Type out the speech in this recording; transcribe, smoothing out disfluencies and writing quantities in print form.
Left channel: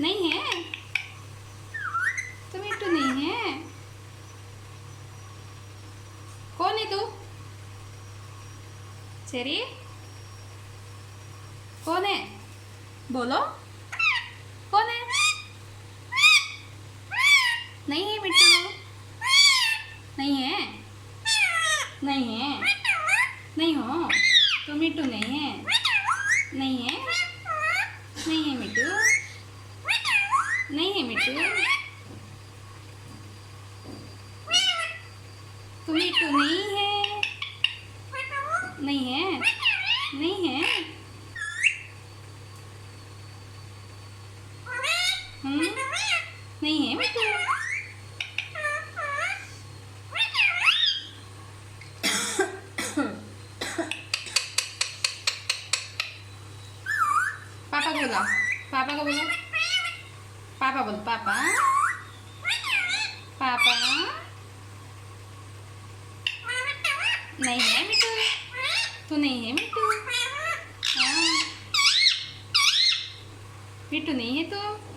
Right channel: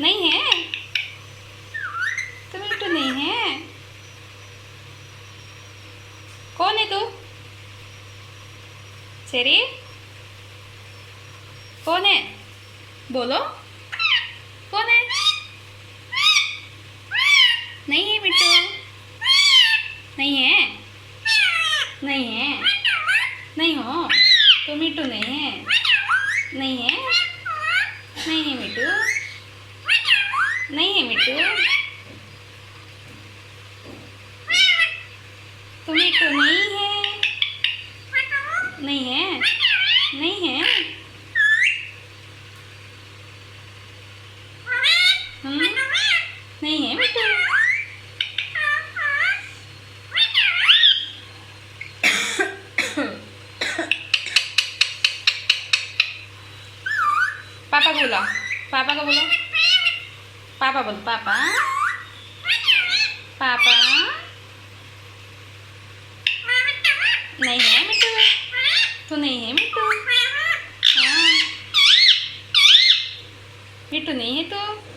नहीं है तो मिट्टू नहीं है। कौन है तू? चेरी कौन है? बोलो कौन है? नहीं है मिट्टू, नहीं है, नहीं है, नहीं हो तो मिट्टू नहीं है, नहीं है, नहीं है मिट्टू, नहीं है मिट्टू, तो मिट्टू नहीं है, नहीं है, नहीं है, नहीं है मिट्टू। पापा बोला, पापा को बोलो, पापा बोलो, पापा, पापा। नहीं है मिट्टू, तो नहीं है मिट्टू, हाँ मिट्टू नहीं है तो।